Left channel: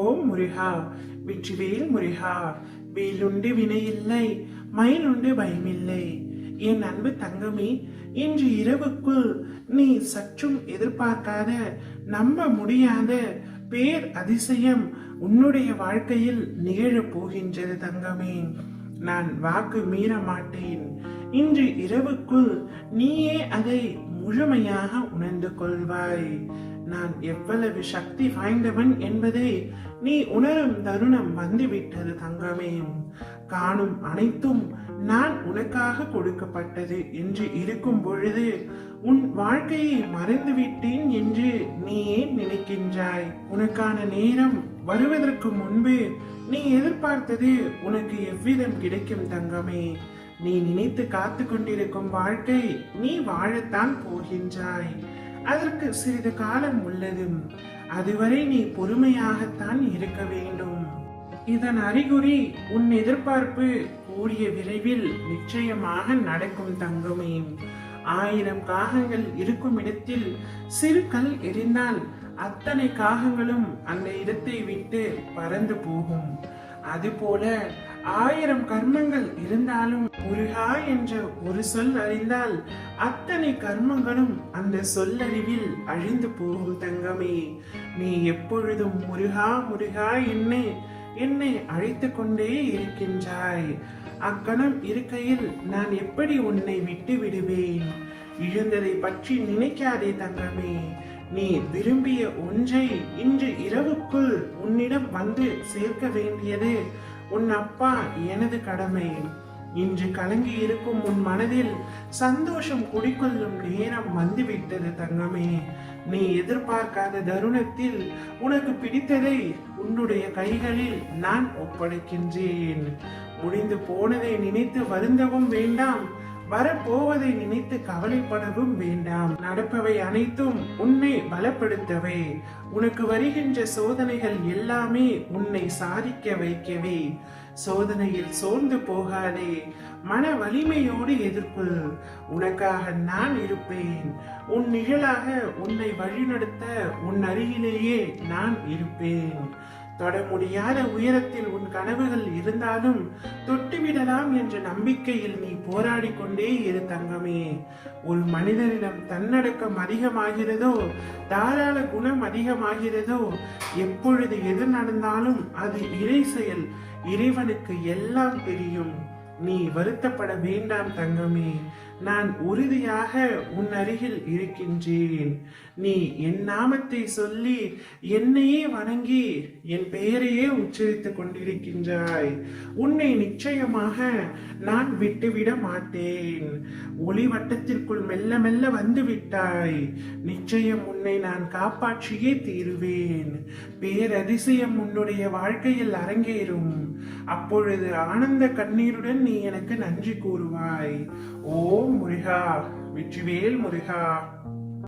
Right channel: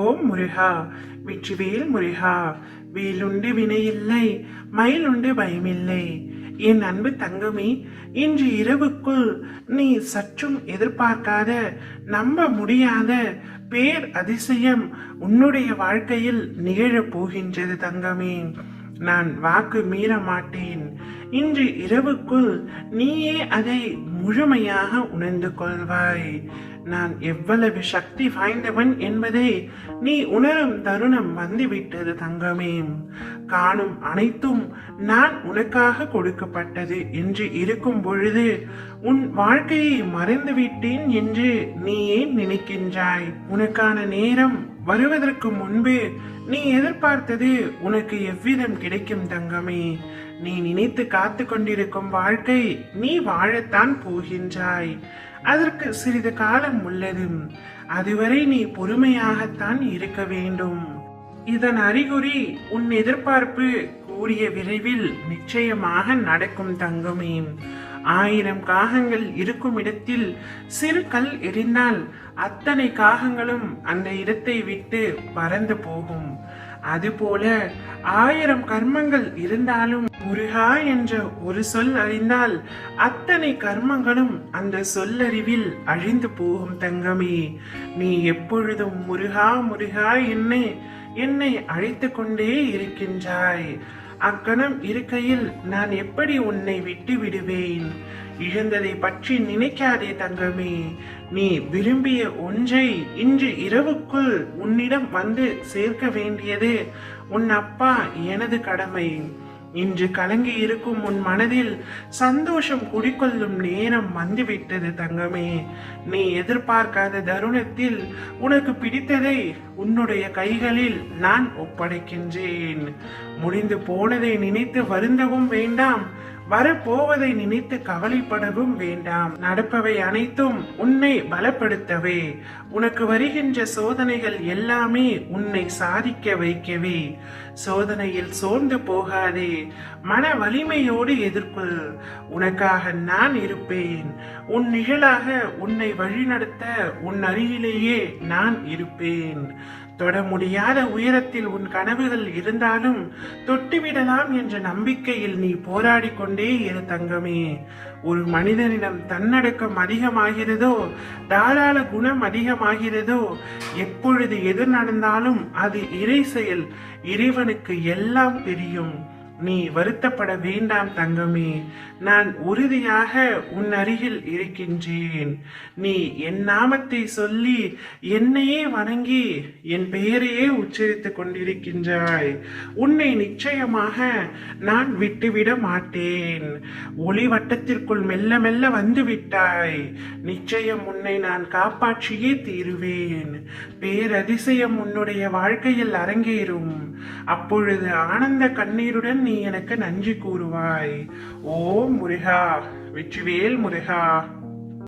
ஓம் முருகா, வெற்றிவேல் முருகா. வேலுண்டு வினையில்லை, மயிலுண்டு பயமில்லை. என் அன்பு தங்கமே, இன்று இரவுக்குள் நீ சற்றும் எதிர்பார்க்காத, நம்ப முடியாத பேர் அதிசயம் உன்னுடைய வாழ்க்கையில் நிகழப் போகின்றது தங்கமே. நான் வாக்கு மீற மாட்டேன். இன்று இரவுக்குள் நீயே அதை முழுமையாக உணர்ந்து கொள்வாய். நான் எவ்வளவு சக்தி வாய்ந்தவன் என்பதை நீ உணரும் தருணம் வந்துவிட்டது தங்கமே. காணும் அனைத்தும் நான் உனக்காக கொடுக்கப்பட்டது என்று இருக்கும் பொழுது உன் வாழ்க்கையை மறைந்து விட்டேன் என்று நீ ஏன் நினைக்கின்றாய்? உனக்கான நேரம் வருவதற்கு முன்பு நீ எதிர்பார்த்தது உனக்கு எவ்விதம் கிடைக்கும் தங்கமே. நீ நினைத்து காத்து கொண்டிருக்கும் வாழ்க்கை நீ வாழத்தான் போகின்றாய். அதற்கு சிறிது காலம் உள்ளது. அதுவரை நீ பொறுமையாகத்தான் இருக்க வேண்டும். இதன் அறிகுறி உன் எதிர்பார்ப்பு கூடிய விரைவில் நிச்சயமாக நடக்கும் தங்கமே. 1000 காகங்கள் இருக்கும் இடத்தில் சிறு கல் எரிந்தால் அத்தனை காகங்களும் அந்த இடத்தை விட்டு பறந்து போகும். அதுபோல 1000 கர்மங்கள் இருந்தாலும் முருகா என்ற ஒரு சொல் அறிந்தால் அத்தனை கர்மங்களும் அந்த சொல்லறிவில் அழிந்து போகும் தங்கமே. நீ எப்பொழுதும் முருகா முருகா என்னை அழைத்து கொண்டே இருக்கின்றாய். அக்கணம் இருக்கையில் நான் எப்படி உன்னை விட்டு விடுவேன்? இழந்ததை பற்றி நினைக்காதே தங்கமே. நீ விரும்பிய ஒன்றை இன்று இரவுக்குள் உன்னிடம் வந்து சேர்க்க வேண்டியது உன் அப்பா எனது கடமை. இன்று கலங்கி இருக்கும் உன் மனதில் சந்தோஷம் குடிக்கொள்ளும் நேரம் வந்துவிட்டது தங்கமே. நீ எதிர்பார்க்காத தருணத்தில் உனக்கு பிடித்ததை உன்னுடைய கைகளில் நான் ஒப்படைக்கின்றேன். முடிந்து போனதை நினைத்து வருந்தவும் வேண்டாம், வரப்போவதை நினைத்து கவலைப்படவும் வேண்டாம். நடப்பவை அனைத்தும் உன்னை பலப்படுத்தவே. உனக்கு வருகின்ற சோதனைகள் எல்லாமே உன்னை சாதிக்க வைக்கவே. சோதனையில் சோர்ந்து போகாதே, மன வலிமையோடு எதிர்கொள். உனக்காக நான் இருப்பேன். உன் நிழலாக உன்னை வழிநடத்த உன் அருகிலேயே நான் இருப்பேன். தொட முடியாத உயரத்தில் உன் கனவுகள் இருந்தாலும் தொட்டுவிடலாம் என்ற நம்பிக்கையில் நீ போராடி கொண்டே இரு தங்கமே. ஒரு மனிதனிடம் தன்னடக்கம் அதிகமாகிறதோ, தாராள குணம் அதிகமாகிறதோ, எப்பொழுது எது நடந்தாலும் அது இறை செயல். இறைவனுக்கு எல்லாம் தெரியும். நீ வருத்தப்பட வேண்டாம் தங்கமே. நான் உறுதியாக உன் அருகில் இருக்கின்றேன். நீ என் நாமத்தை சொல்லி என்னையே வணங்கி என் பெயரையே உச்சரித்துக் கொண்டிருக்கின்றாய். உன்னை நிச்சயமாக நான் விட்டுவிட மாட்டேன். ஒளி வட்டத்திற்குள் மெல்ல மெல்ல வந்து விட்டாய். நிச்சயம் உன்னை நான் காப்பாற்றியே தீருவேன். பேரதிசயம் உன்னுடைய வாழ்க்கையில் அரங்கேறும். அப்பொழுது ஆனந்த கண்ணீருடன் நீ எனக்கு நன்றி கூறுவாய். ஓம் முருகா, வெற்றிவேல் முருகா.